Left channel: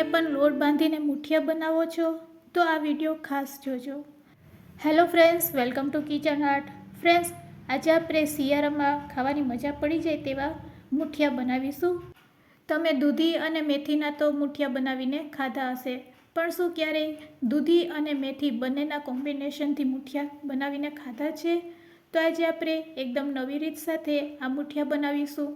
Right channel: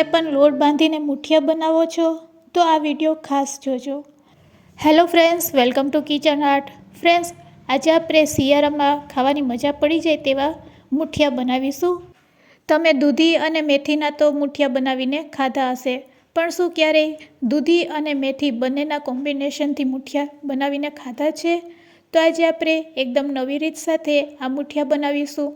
તમે પણ લોટ બાંધીને મુઠિયા બનાવો છો? તો આ વીડિયો ખાસ જોજો. Hello friends, welcome to kitchen art. Friends, આજે આપણે શિયાળામાં ખાવાની મજા પડી જાય તેવા મુઠિયા બનાવીશું. તમે દૂધી અને મેથીના તો મુઠિયા બનાવીને ખાધા હશે, પણ શું ક્યારેય દૂધી અને મેથી બંનેના કોમ્બિનેશનથી મુઠિયા બનાવીને ખાધા છે? તો આજે આપણે એકદમ નવી રીત સાથે આ મુઠિયા બનાવીશું.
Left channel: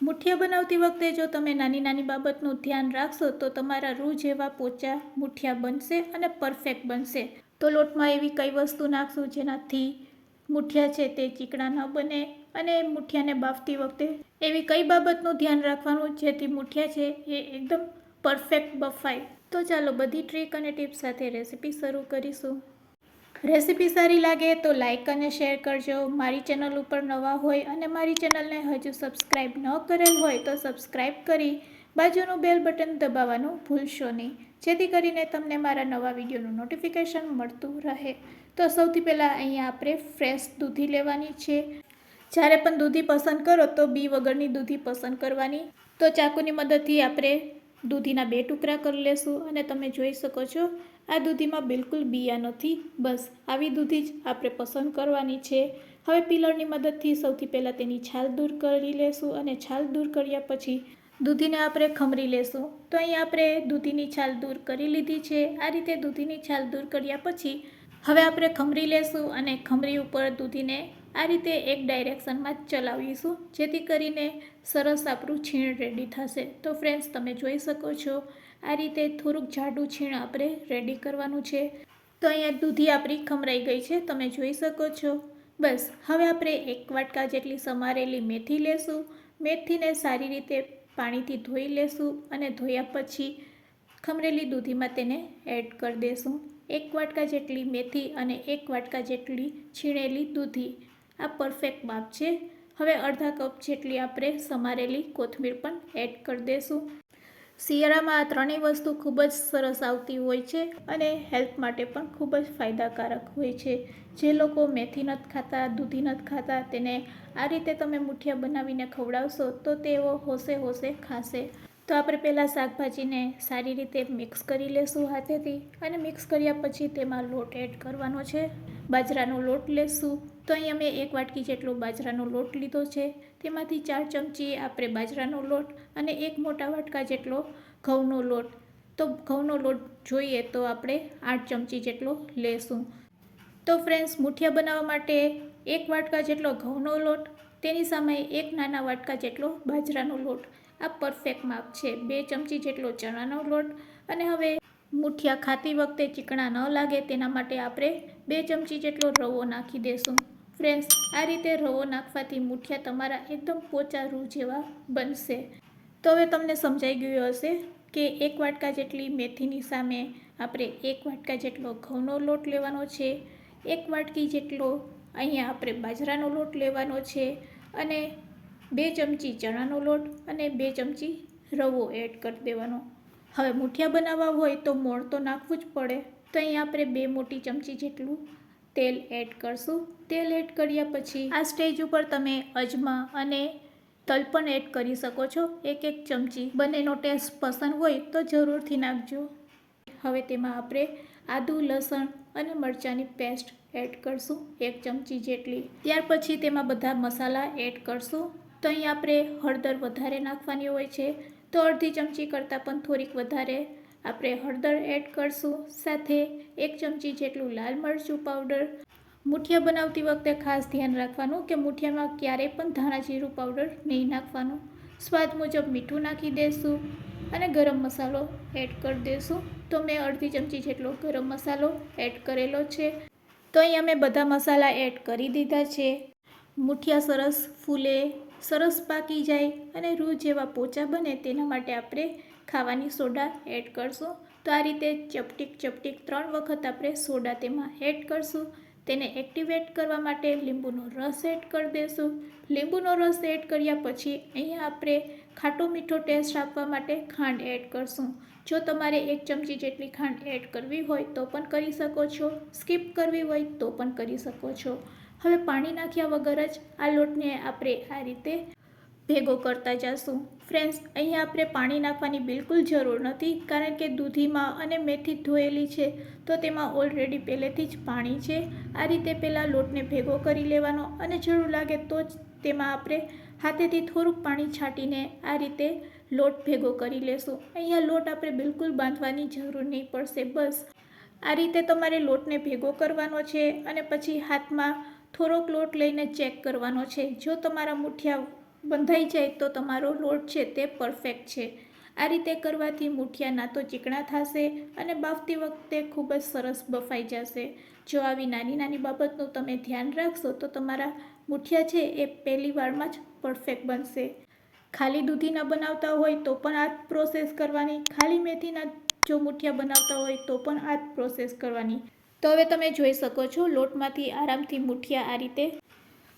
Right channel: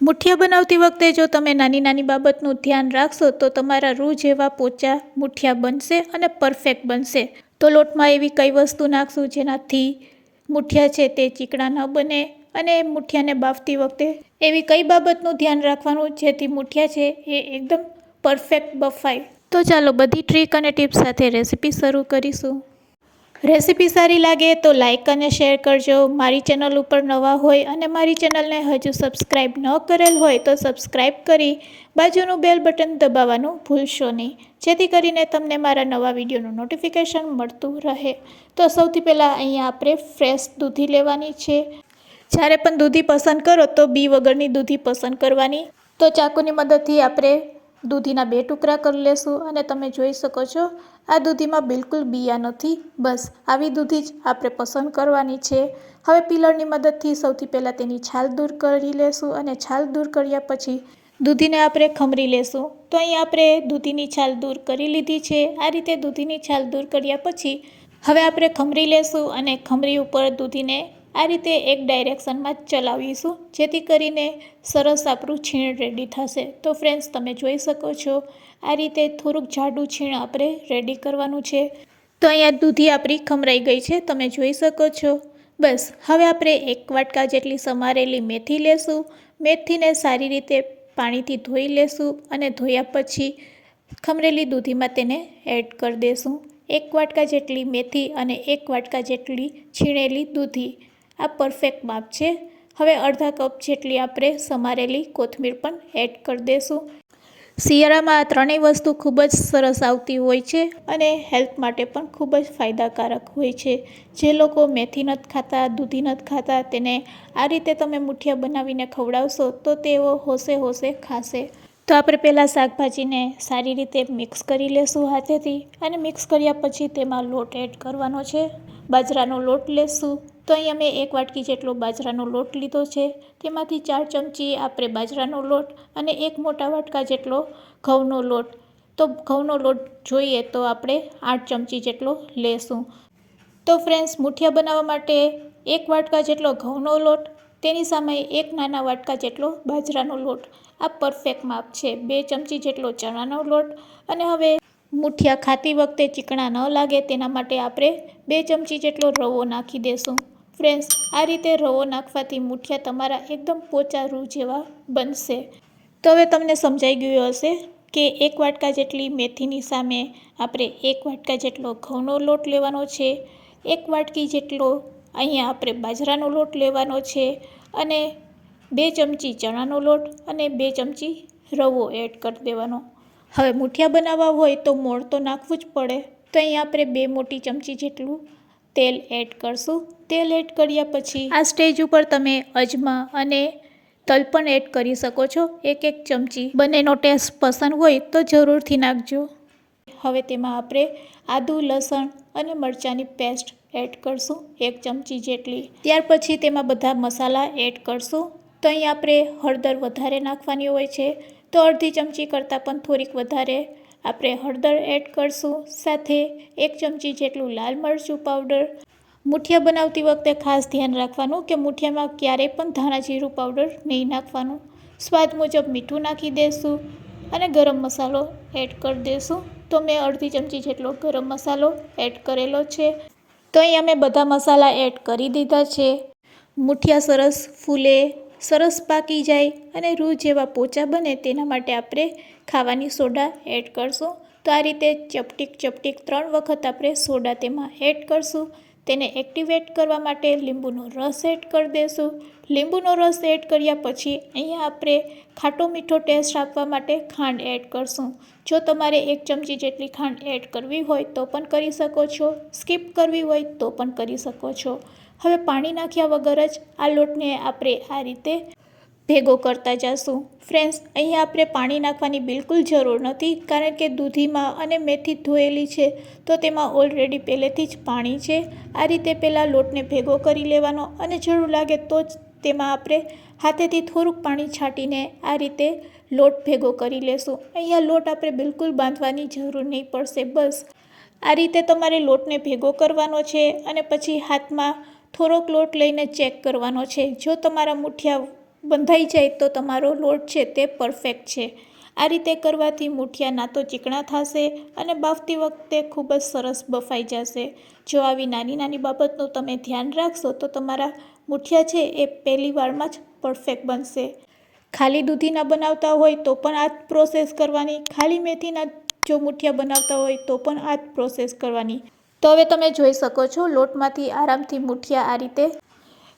મુઠિયા બનાવતી વખતે જો તમે નાની નાની બાબતનું ધ્યાન રાખશો તો તમારા રૂ જેવા પોચા મુઠિયા બનશે અને પરફેક્ટ બનશે. તો લોટમાં એવી કઈ વસ્તુ નાખશું જેનાથી મુઠિયા છે તે ચીકણા ન બને અને મુઠિયાને બાફતી વખતે એવી કઈ બાબતનું ધ્યાન રાખવાનું જેથી મુઠિયા છે એ એકદમ પરફેક્ટ બફાય. તો ચાલો બધી ટ્રીક અને ટિપ્સ સાથે રેસીપી શરૂ કરીશું. રેસીપી સારી લાગે તો લાઇક અને શેર કરજો. મારી ચેનલ ઉપર નવા હોય અને મારી ચેનલને હજુ સબસ્ક્રાઈબ ન કરેલ હોય તો સબસ્ક્રાઈબ કરી બાજુનું બેલ બટન દબાવવાનું ભૂલશો નહીં. જેથી કરીને તમને મારા નવા વિડીયોનું નોટિફિકેશન મળતું રહે. તો સૌથી પહેલાં અહીંયા આપણે ફ્રેશ દૂધી લેવાની છે. જ્યારે પણ દૂધી પસંદ કરો તો બી વગરની દૂધી પસંદ કરવાની. તો ચાકુની મદદથી આપણે દૂધીના બે ટુકડા કરી લેશું અને તમે જોઈ શકો છો, આ દૂધીમાં બિલકુલ બિયા નથી. બસ, આવી દૂધી જ આપણે પસંદ કરવાની છે. હવે પિલરની મદદથી સૌથી પહેલાં તેની છાલ દૂર કરી લેશું અને છાલ દૂર કર્યા પછી દૂધીને આપણે ખમરી લેશું. તો અહીં આપણે દૂધીની છાલ દૂર કરી લીધી છે. આ રીતે દૂધીની છાલ દૂર કર્યા પછી હવે આપણે ખમરી લેશું અને ખમરી ઉપર દૂધીને આ રીતે એક ડાયરેક્શનમાં ચલાવીશું, જેથી કરીને સરસ આપણું છીણ રેડી થશે. તો ફ્રેન્ડ્સ તમે જોઈ શકો છો, આ રીતે થોડુંક જાડું છીણ આપણે રેડી કરવાનું છે. તો અહીંયા દૂધી આપણી ખમરાઈ ગઈ છે, તમે જોઈ શકો છો. બસ, હવે આપણે એક વાટકા જેટલી સમારેલી મેથી લેશું. મેથીને સારી રીતે પાણીથી ધોઈ લેશું અને ધોયા પછી ખમરેલી દૂધીમાં તેને એડ કરી દેશું. એક વાટકા જેટલી મેથી અને એક વાટકા જેટલી છીણેલી દૂધી. આ પરફેક્ટ માપ છે. હવે અડધા કપ જેટલી આપણે સમારેલી કોથમીર પણ એડ કરી દઈશું શિયાળામાં આ ત્રણેય વસ્તુ ખૂબ જ સરસ આવતી હોય છે અને હેલ્થ માટે પણ ખૂબ જ ફાયદાકારક હોય છે. જે લોકો મેથી નથી ખાતા, દૂધી નથી ખાતા, તેને આ રીતે તમે મુઠિયા બનાવીને ખવડાવશો તો તેઓ હોશે હોશે ખાશે. તો આપણે પહેલાં શાકભાજીને સારી રીતે મિક્સ કરી લેશું હાથેથી અને મિક્સ કર્યા પછી તેમાં લોટ એડ કરવાનો છે. બાજરાનો લોટ લેશું. તો અહીં અમે એક વાટકી જેટલો બાજરાનો લોટ લીધો છે. તેમાંથી ચાર ચમચી આપણે બાજરાનો લોટ અને એક મોટા વાટકા જેટલો ઘઉંનો લોટ. તો ઘઉંનો લોટ જોઈએ તો આપણે આઠ ચમચી જેટલો લેશું. તો ફ્રેન્ડ્સ, મુઠિયા બનાવવા માટે એક વાટકા જેટલો ઘઉંનો લોટ, તેની સામે એક નાના વાટકા જેટલો બાજરાનો લોટ. આ પરફેક્ટ માપ છે. બે ચમચી જેટલો ચણાનો લોટ અને હવે મુઠિયા ખાતી વખતે ચીકણા ન લાગે તેના માટે આપણે બે ચમચી જેટલો રવો નાખી દેશું. ફ્રેન્ડ્સ, આ રીતે રવો નાખવાથી મૂઠિયા તમારા એકદમ પોચા રૂ જેવા બનશે. તો હવે તમને સમજાઈ ગયું હશે કે એક વાટકા જેટલી મેથીની સામે આપણે એક વાટકા જેટલો ઘઉંનો લોટ લેવાનો છે, એક વાટકી જેટલો અહીંયા આપણે બાજરાનો લોટ લેવાનો છે અને બે ચમચી ચણાનો લોટ અને બે ચમચી રવો એડ કરી દેવાનો. હવે મૂઠિયા બનાવવા હોય તો મોણ તો નાખવું જ પડે. તો અહીં આપણે બે મોટી ચમચી જેટલું તેલ એડ કરશું. તેલ એડ કર્યા પછી આ સ્ટેજ ઉપર તમે અજમા અને તલ પણ એડ કરી શકો છો. એક એક ચમચી. બંનેનો ટેસ્ટ પસંદ હોય તો જરૂરથી નાખજો. હવે તેમાં આપણે આદુ, લસણ અને મરચાંની પેસ્ટ એડ કરશું, એક ચમચી જેટલી. ત્યાર પછી તેમાં બધા મસાલા એડ કરશું. તો અહીં આપણે હળદર વધારે નાખવાની હોય છે. તો અડધી ચમચી કરતાં પણ થોડીક વધારે આપણે હળદર એડ કરશું, સાથે એક ચમચી જેટલું લાલ મરચું પાવડર. મુઠિયા બનાવતી વખતે ખાસ ધ્યાન રાખવાનું કે મુઠિયામાં ક્યારેય પણ ધાણા જીરું પાવડર નહીં નાખવાનું. સ્વાદ મુજબ મીઠું નાખી દઈશું અને ગરમ મસાલો એડ કરી દઈશું તો મેં અડધી ચમચી જેટલો ગરમ મસાલો એડ કરેલો છે. તો અહીં અમે બધા મસાલા એડ કરી દીધા છે. મુઠિયા સરસ ફૂલે. સરસ પાકી જાય અને રૂ જેવા પોચા બને તેના માટે આપણે ખાવાની સોડા એડ કરશું. તો આ રીતે ચપટીક ચપટીક ત્રણ વખત આપણે સોડા તેમાં એડ કરશું. તેને એક્ટિવેટ કરવા માટે લીંબુનો રસ એડ કરી દઈશું લીંબુનો રસ એડ કર્યા પછી અહીંયા આપણે ખાટો મીઠો ટેસ્ટ આપવા માટે ખાંડ એડ કરશું. જો તમારે એક ચમચી જેટલી ખાંડ એડ કરવી હોય તો પણ કરી શકો છો. સ્કીપ કરવી હોય તો પણ કરી શકો છો. હવે પાણી નાખ્યા વગર જ આ લોટને આપણે આ રીતે ભેગો કરતા જશું. ફ્રેન્ડ્સ, અહીંયા આપણે પાણી નાખવાની બિલકુલ જરૂર નથી, કારણ કે દૂધીમાં અને મેથી ધોયેલી છે, તો તેમાં ઓલરેડી પહેલેથી જ પાણી છે. આ રીતે પહેલાં લોટને ભેગો કરી લેવાનો અને જરૂર લાગે તો જ તેમાં આપણે હાથેથી થોડુંક પાણી છાંટીને આ રીતે લોટ ભેગો કરી લેશું. અહીંયા લોટ આપણે બિલકુલ બાંધવાની જરૂર નહીં પડશે, બસ. આ રીતે તમારે લોટને ભેગો કરવાનો છે અને પછી હાથમાં થોડોક લોટ લઈને ચેક કરવાનો છે. જો તમારા મુઠિયા બંધાઈ જાય તો તમારો લોટ છે તે પરફેક્ટ છે. આ રીતે કરવાથી મુઠિયા ના તો ચીકણા થશે અને બાફતી વખતે ખૂબ જ સરસ બફાઈ જશે. જો આવી નાની નાની બાબતનું તમે ધ્યાન રાખશો તો તમારા મુઠિયા છે એ પહેલી વારમાં જ પરફેક્ટ બનશે. ખાલી દૂધીના બનાવતા હોય તો પણ આ પ્રોસેસ કરવાની. ખાલી મેથીના જો મુઠિયા બનાવતા હોય તો પણ આ પ્રોસેસ કરવાની. તો હવે તમે જોઈ શકો છો, લોટમાંથી આરામથી મુઠિયા આ રીતે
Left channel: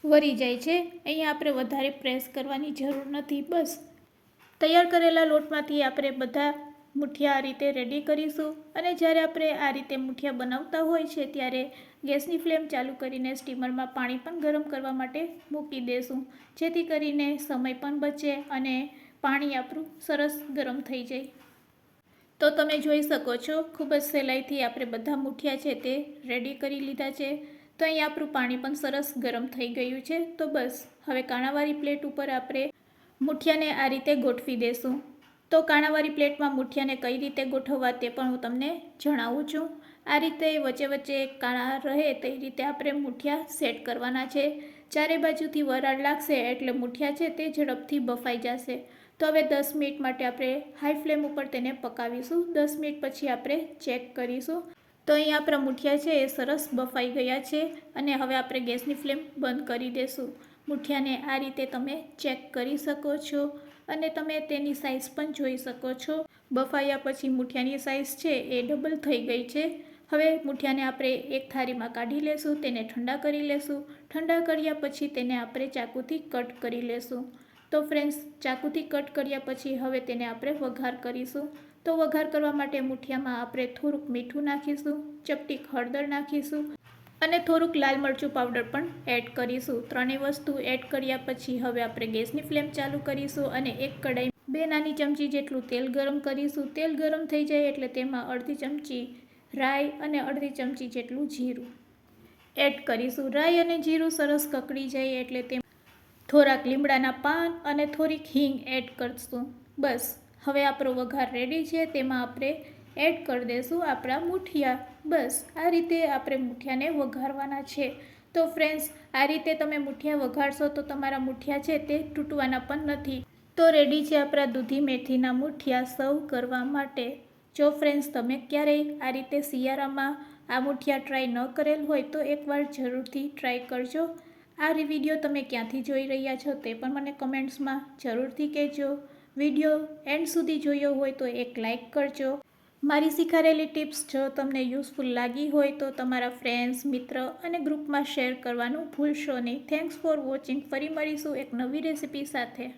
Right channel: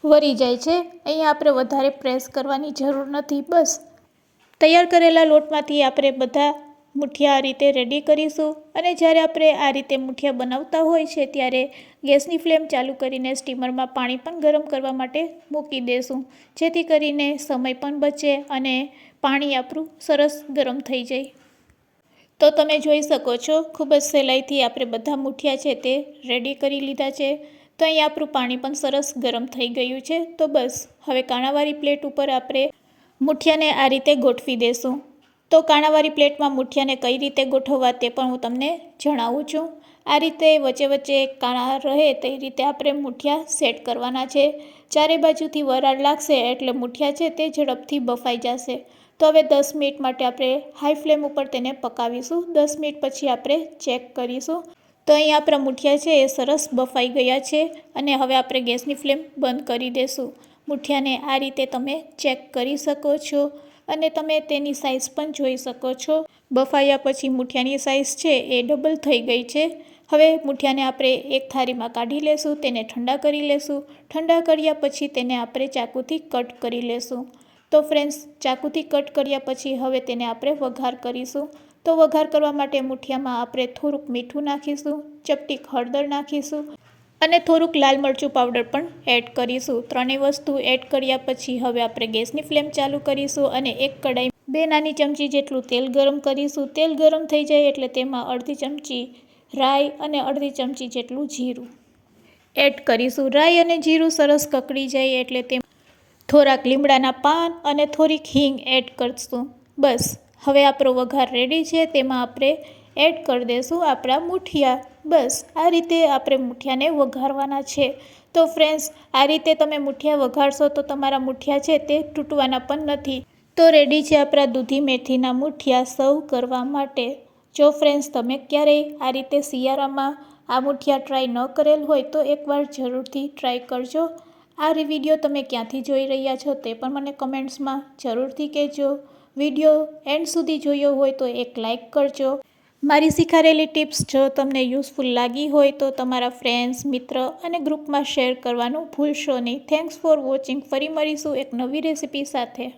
વરી જાય છે. અહીંયા આપણે વધારે પ્રેસ કરવાની જરૂર નથી, બસ. તૈયાર કરેલા લોટમાંથી આપણે બધા મુઠિયા આ રીતે રેડી કરીશું અને જ્યારે આપણે આ રીતે મુઠિયા બનાવતા હોય છે, ત્યારે ગેસની ફ્લેમ ચાલુ કરીને સ્ટીમરમાં પાણી પણ ગરમ કરવા માટે મૂકી દેશું. જેથી કરીને સમય પણ બચે અને પાણી આપણું સરસ ગરમ થઈ જાય. તો તમે જોઈ શકો છો, ખૂબ જ સહેલાઈથી આપણે બધા મૂઠિયા છે તે રેડી કરી લીધા છે. તો અહીં આપણું પાણી પણ સરસ ગરમ થઈ ગયું છે. તો બસ, હવે કાણાવાળી પ્લેટ ઉપર આપણે મૂઠિયાને આ રીતે ગોઠવી દેશું. તો કાણાવાળી પ્લેટમાં મૂઠિયાને કઈ રીતે ગોઠવવા તે પણ હું તમને જણાવું છું. આ રીતે વચ્ચે વચ્ચે કાણા રહે તે રીતે આપણે મૂઠિયા સેટ કરવાના છે. ચારે બાજુથી વરાળ લાગશે એટલે મૂઠિયા છે તે ઝડપથી બફાઈ જશે. તો હવે દસ મિનિટ માટે આપણે હાઈ ફ્લેમ ઉપર તેને પકાવીશું. દસ મિનિટ પછી આપણે ચેક કરીશું. તો અહીં આપણા મુઠિયા છે એ સરસ બફાઈ ગયા છે અને હવે આપણે ગેસની ફ્લેમ બંધ કરી દઈશું મુઠિયાને આ રીતે તમે ચેક કરી શકો છો અને તમે તેની સાઇઝ પણ જોઈ શકો છો. બફાયા પછી મુઠિયાની સાઇઝ છે એ ડબલ થઈ ગઈ છે. હવે મુઠિયાને આપણે એક થાળીમાં કાઢી લેશું, તેને ઠંડા કરી લેશું. ઠંડા કર્યા પછી તેને આપણે ચાકુથી કટ કરી લેશું. તો ફ્રેન્ડ્સ ચાકુથી કટ કર્યા પછી હવે તેને આપણે વઘાર કરીશું. તો વઘાર કરવા માટે મુઠિયામાં આપણે થોડુંક મીઠું નાખીશું ચપટીક હળદર નાખીશું અને થોડુંક લાલ મરચું પાવડર પણ એડ કરીશું. ત્રણેય વસ્તુ એડ કર્યા પછી હવે આપણે ગેસની ફ્લેમ ચાલુ કરીશું અને એક કડાઈ બે નાની ચમચી જેટલું તેલ ગરમ કરીશું. તેલ ગરમ થઈ જાય એટલે તેમાં અડધી ચમચી રાઈ અને અડધી ચમચી જેટલું જીરું એડ કરીશું. રાઈ અને જીરું સરસ કકડી જાય એટલે તે થોડાક લીમડાના પાન અને થોડીક હિંગ એડ કરશું. બસ, હવે આપણો વઘાર રેડી છે, તેમાં આપણે એડ કરી દઈશું આપણા મુઠિયા. બસ, આ રીતે આપણે મૂઠિયાને વઘારવાના છે. તો ફ્રેન્ડ્સ આ રીતે તમે મૂઠિયા વઘારશો તો તમારા મૂઠિયા છે તે તૂટવાના પણ નથી. તો રેડી છે આપણા દૂધી મેથીના મૂઠિયા સર્વ કરવા માટે. જો ફ્રેન્ડ્સ તમે ક્યારેય આ રીતે શિયાળામાં આ મૂઠિયા ટ્રાય ન કરેલ હોય તો એકવાર જરૂરથી ટ્રાય કરજો. આ વીડિયો તમે ક્યાંથી જોઈ રહ્યા છો તે પણ મને કમેન્ટ્સમાં જરૂરથી કહેજો. વીડિયો એન્ડ સુધી જોયો હોય તો એક લાઇક કરજો. મારી શીખારેલી ટિપ્સ જો તમને યુઝફુલ લાગી હોય તો તમારા ફ્રેન્ડ્સ, મિત્ર અને ગ્રુપમાં શેર કરવાનું ભૂલશો નહીં. Thanks for watching. ફરી મળીશું એક નવી રેસિપી સાથે.